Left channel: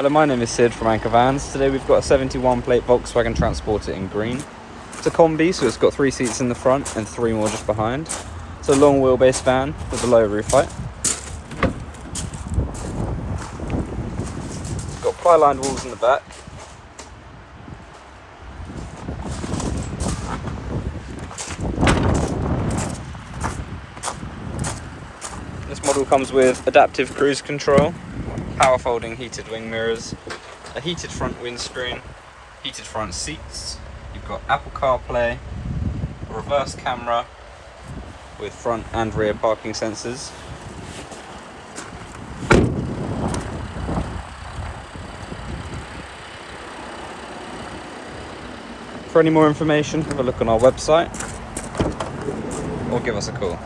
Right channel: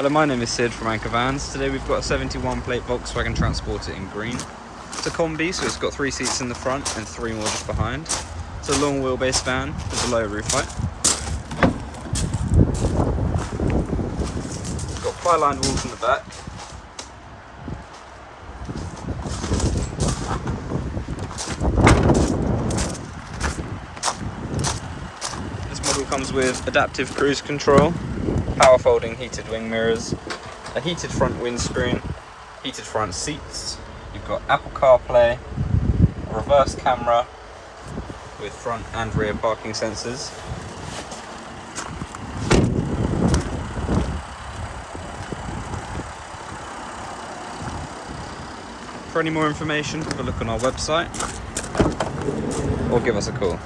Hello, my name is Sid from Anchor Vans. Today we've got a 71 plate Volkswagen Transporter in green. It's a combi, so it's got 3 seats in the front and 3 more just behind. It's a long wheelbase van with a low roof height. It's got ply-lined walls in the back. This model comes with adaptive cruise control, power folding heated wing mirrors, a heated front windscreen, heated front seats. You've got Apple CarPlay, a reverse camera with front and rear parking sensors. For any more information, have a look on our website or give us a call.